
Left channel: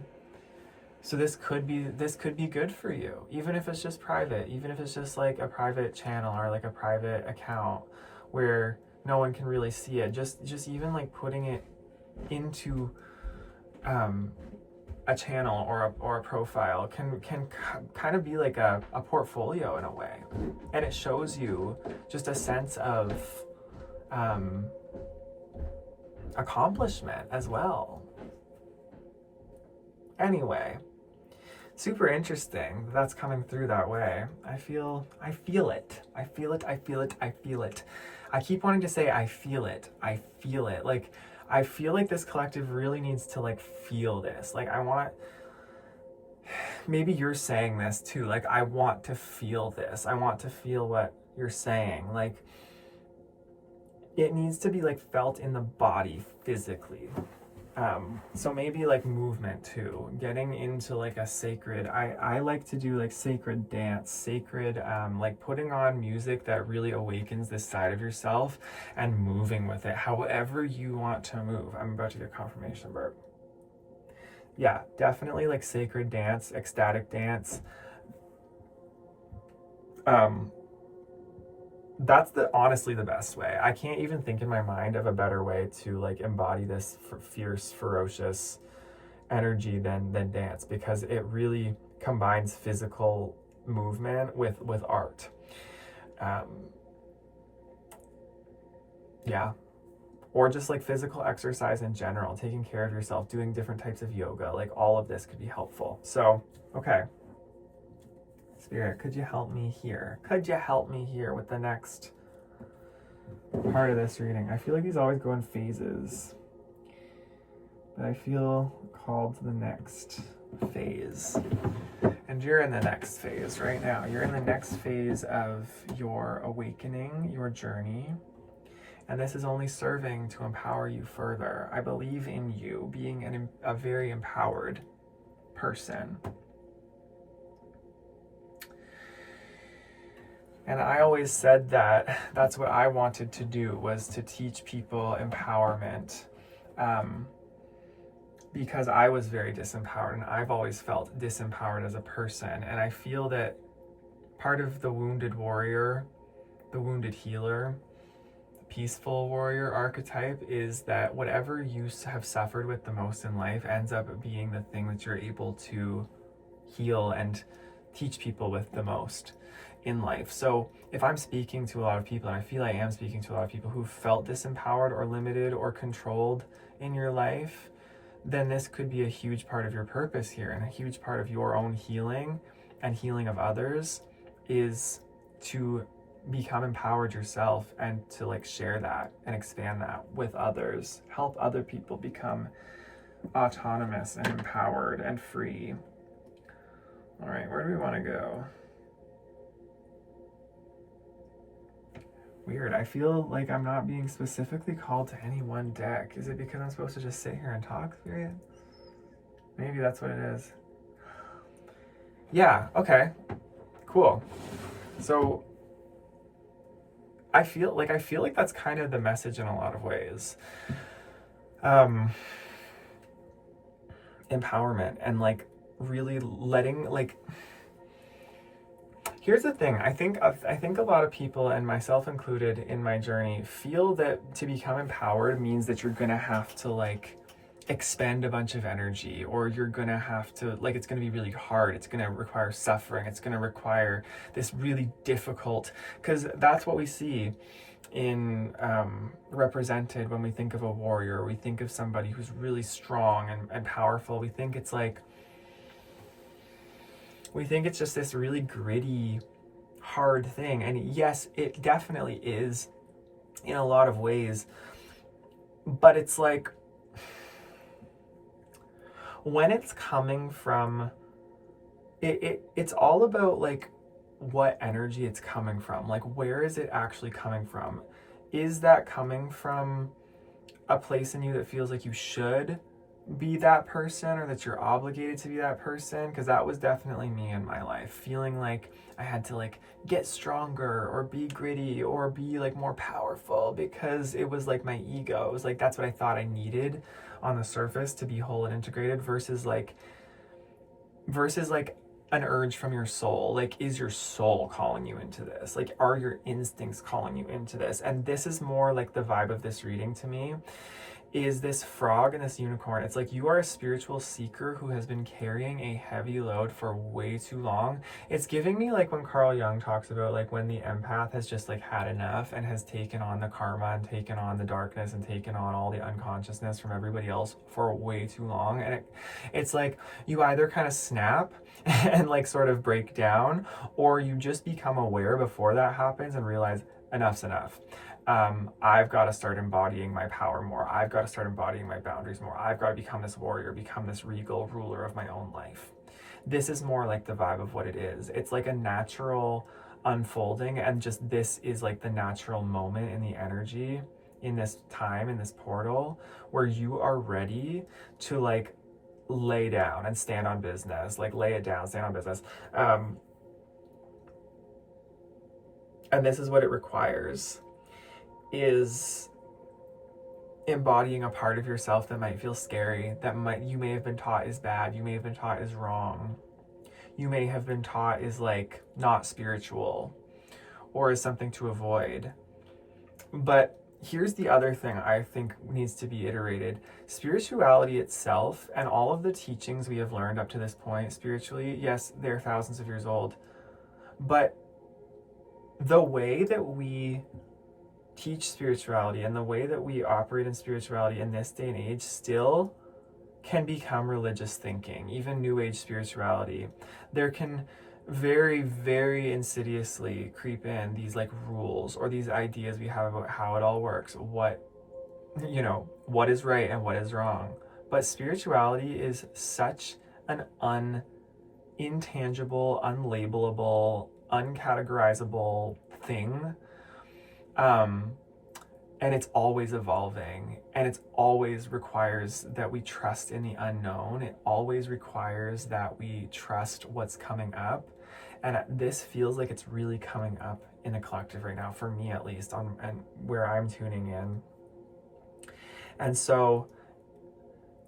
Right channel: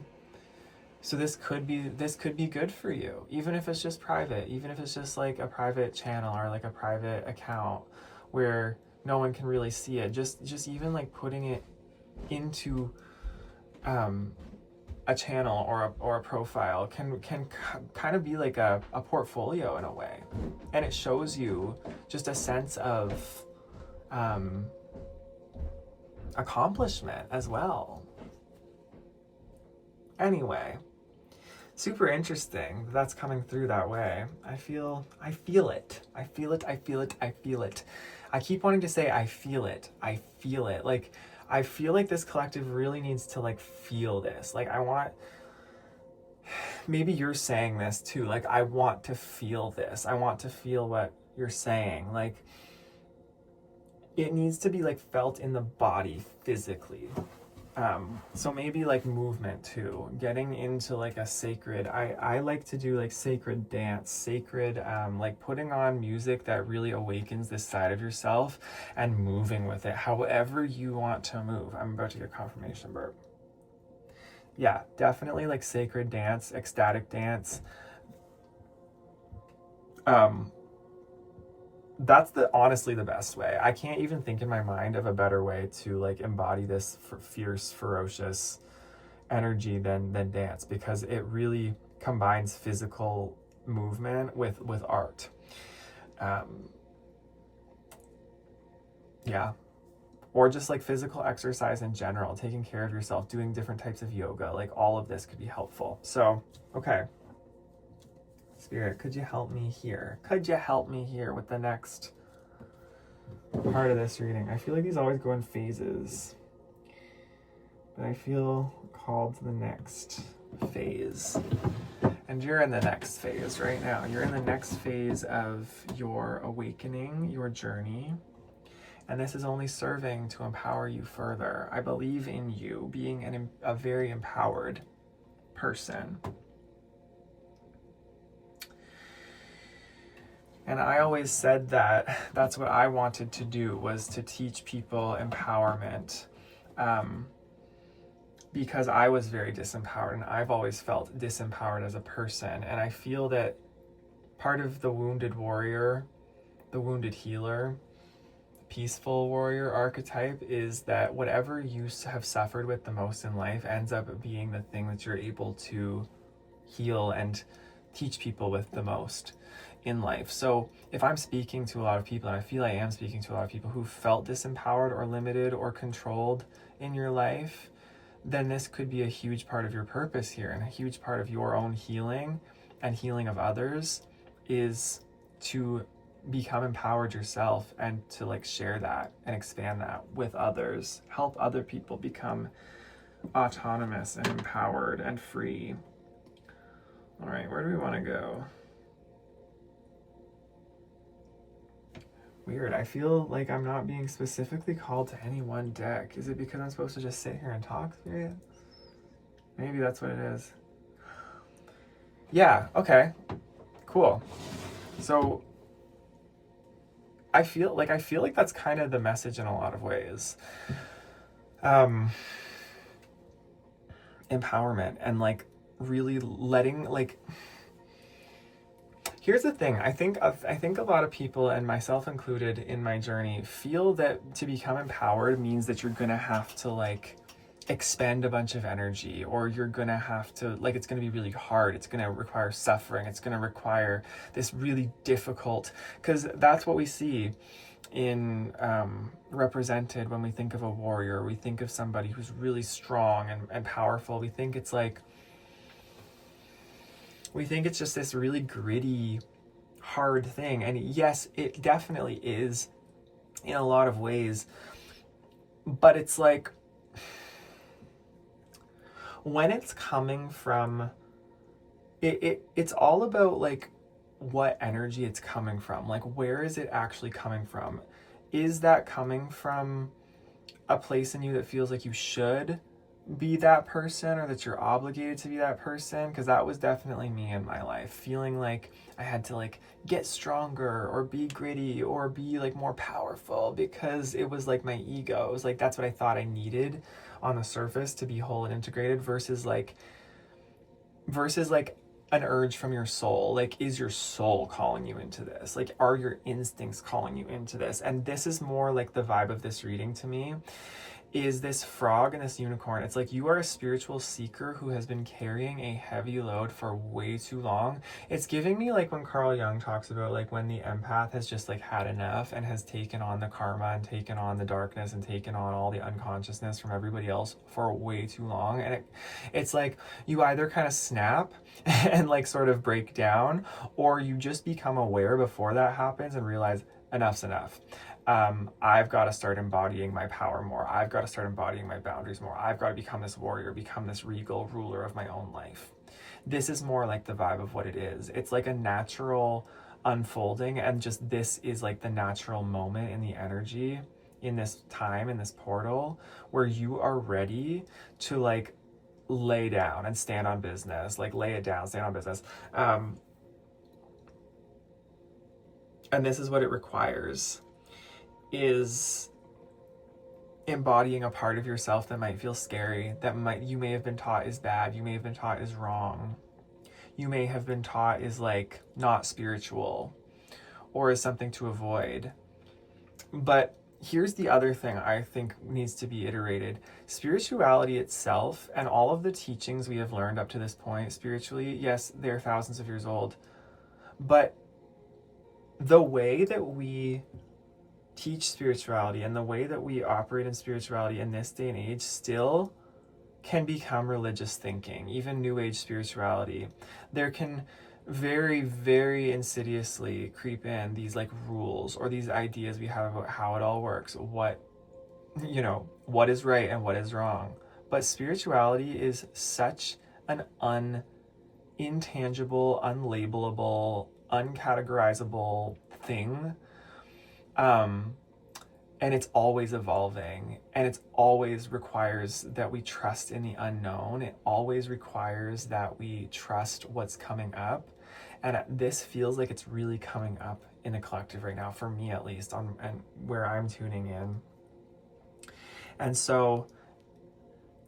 So this could be good for you, even if it's just private, even if it's just like a private channel or like a private account where no one can really see it. Just even like putting it into a channel or a profile can kind of be like a portfolio in a way, and it shows you just a sense of accomplishment as well. Anyway, super interesting that's coming through that way. I feel it. I keep wanting to say I feel it. Like, I feel like this collective really needs to like feel this. Like, maybe you're saying this too. Like, I want to feel this. I want to feel what you're saying. Like, it needs to be like felt in the body physically. So maybe like movement too, getting into like a sacred, I like to do like sacred dance, sacred, like putting on music that really awakens this side of yourself and moving with it however you want to move. I'm about to get confirmation burp. Yeah, definitely like sacred dance, ecstatic dance. That's honestly the best way. I can't even think in my mind of a better way to like embody this fierce, ferocious energy than dance, because it really combines physical movement with art. Yeah. Or just like physical exercise in general, taking care of yourself, doing different types of yoga, like all of this could be helpful. So, okay. Spirit, could you help me here? Could you help me here with the next part of this reading? I feel like these always go in phases, but I feel called to the next phase. And you're in the next phase right now. You're in the next phase of your awakening, your journey. And this is only serving to empower you further. I believe in you being a very empowered person. And I always said that that's what I wanted to do, was to teach people empowerment, because I was very disempowered, and I've always felt disempowered as a person. And I feel that part of the wounded warrior, the wounded healer, peaceful warrior archetype is that whatever you have suffered with the most in life ends up being the thing that you're able to heal and teach people with the most in life. So if I'm speaking to a lot of people, and I feel I am speaking to a lot of people who felt disempowered or limited or controlled in your life, then this could be a huge part of your purpose here, and a huge part of your own healing and healing of others is to become empowered yourself and to like share that and expand that with others, help other people become autonomous and empowered and free. All right, where do we want to go? Weird, I feel like I'm not being specifically called to any one deck. Is it because I'm supposed to just sit here and talk, Spirit? Maybe that's what it is. Yeah, okay, cool. So I feel like that's kind of the message in a lot of ways. Empowerment and like really letting, like, here's the thing. I think a lot of people, and myself included in my journey, feel that to become empowered means that you're gonna have to like expend a bunch of energy, or you're gonna have to like, it's gonna be really hard, it's gonna require suffering, it's gonna require this really difficult, because that's what we see in represented when we think of a warrior. We think of somebody who's really strong and powerful. We think it's just this really gritty, hard thing. And yes, it definitely is in a lot of ways. But it's like, when it's coming from, it's all about like what energy it's coming from. Like, where is it actually coming from? Is that coming from a place in you that feels like you should be that person, or that you're obligated to be that person, because that was definitely me in my life, feeling like I had to like get stronger or be gritty or be like more powerful, because it was like my ego. It was like that's what I thought I needed on the surface to be whole and integrated, versus like an urge from your soul. Like, is your soul calling you into this? Like, are your instincts calling you into this? And this is more like the vibe of this reading to me, is this frog and this unicorn. It's like you are a spiritual seeker who has been carrying a heavy load for way too long. It's giving me like when Carl Jung talks about like when the empath has just like had enough and has taken on the karma and taken on the darkness and taken on all the unconsciousness from everybody else for way too long. And it's like you either kind of snap and like sort of break down, or you just become aware before that happens and realize enough's enough. I've got to start embodying my power more. I've got to start embodying my boundaries more. I've got to become this warrior, become this regal ruler of my own life. This is more like the vibe of what it is. It's like a natural unfolding, and just this is like the natural moment in the energy, in this time, in this portal, where you are ready to like lay down and stand on business, like lay it down, stand on business. And this is what it requires, is embodying a part of yourself that might feel scary, that you may have been taught is bad, you may have been taught is wrong, you may have been taught is like not spiritual, or is something to avoid. But here's the other thing I think needs to be iterated. Spirituality itself and all of the teachings we have learned up to this point spiritually, yes, they're thousands of years old, but the way that we teach spirituality and the way that we operate in spirituality in this day and age still can become religious thinking, even new age spirituality. There can very, very insidiously creep in these like rules or these ideas we have about how it all works, what is right and what is wrong. But spirituality is such an intangible, unlabelable, uncategorizable thing. And it's always evolving, and it always requires that we trust in the unknown. It always requires that we trust what's coming up. And this feels like it's really coming up in the collective right now, for me at least, and where I'm tuning in. And so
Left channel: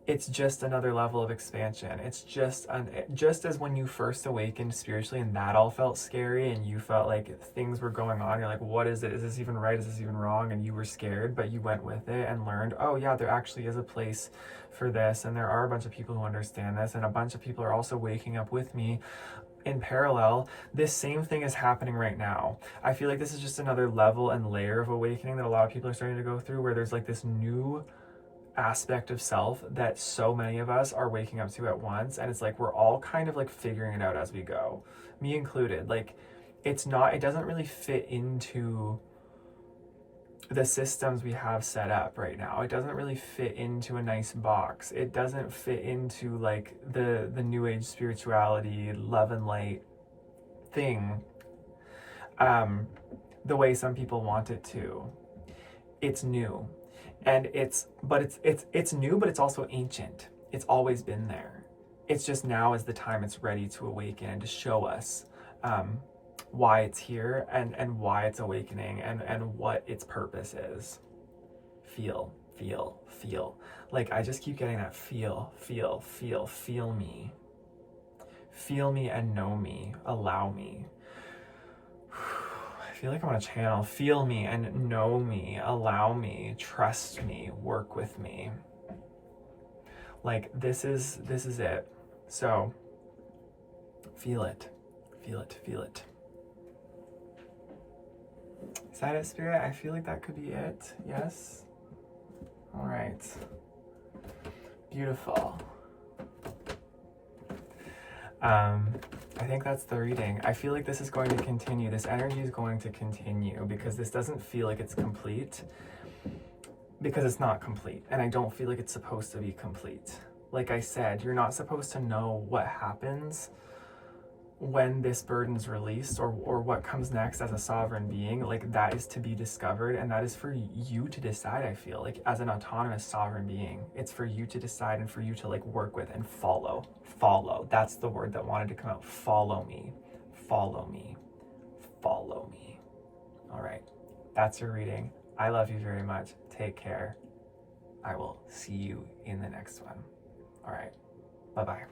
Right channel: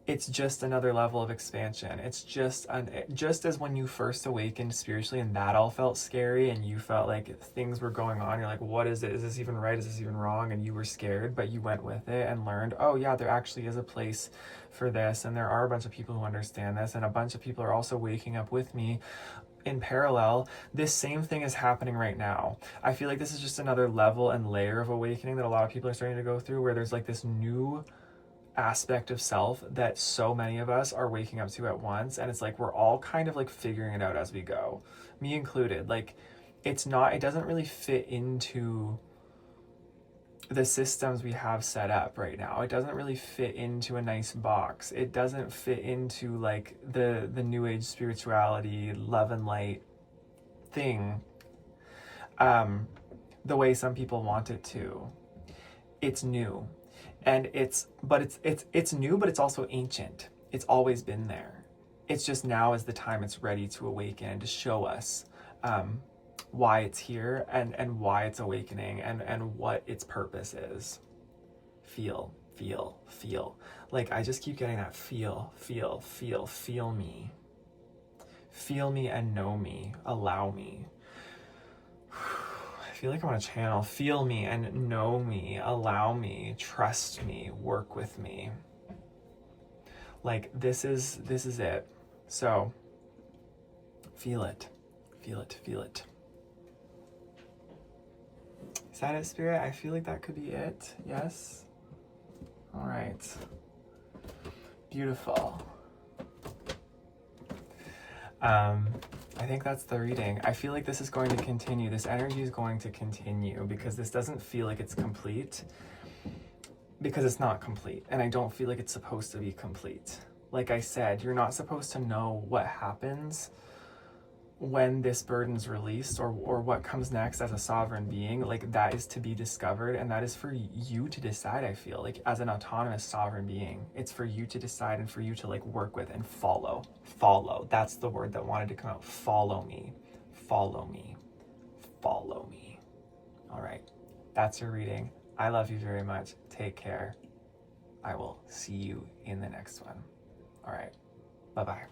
it's just another level of expansion. It's just as when you first awakened spiritually and that all felt scary and you felt like things were going on, you're like, what is it? Is this even right? Is this even wrong? And you were scared, but you went with it and learned, oh yeah, there actually is a place for this, and there are a bunch of people who understand this, and a bunch of people are also waking up with me in parallel. This same thing is happening right now. I feel like this is just another level and layer of awakening that a lot of people are starting to go through, where there's like this new aspect of self that so many of us are waking up to at once, and it's like we're all kind of like figuring it out as we go, me included. Like it doesn't really fit into the systems we have set up right now. It doesn't really fit into a nice box. It doesn't fit into like the new age spirituality, love and light thing, the way some people want it to. It's new. And it's new, but it's also ancient. It's always been there. It's just now is the time it's ready to awaken and to show us why it's here and why it's awakening and what its purpose is. Feel. Like I just keep getting that feel me. Feel me and know me. Allow me. I feel like I want to channel. Feel me and know me, allow me, trust me, work with me. Like this is it. So feel it. Is that it, Spirit? I feel like that could be it. Yes? All right. Beautiful. I think that's the reading. I feel like this is going to continue. This energy is going to continue because this doesn't feel like it's complete, because it's not complete. And I don't feel like it's supposed to be complete. Like I said, you're not supposed to know what happens when this burden is released, or what comes next as a sovereign being, like that is to be discovered, and that is for you to decide. I feel like as an autonomous sovereign being, it's for you to decide and for you to like work with and follow. That's the word that wanted to come out. Follow me, follow me, follow me. All right, that's your reading. I love you very much. Take care. I will see you in the next one. All right, bye-bye.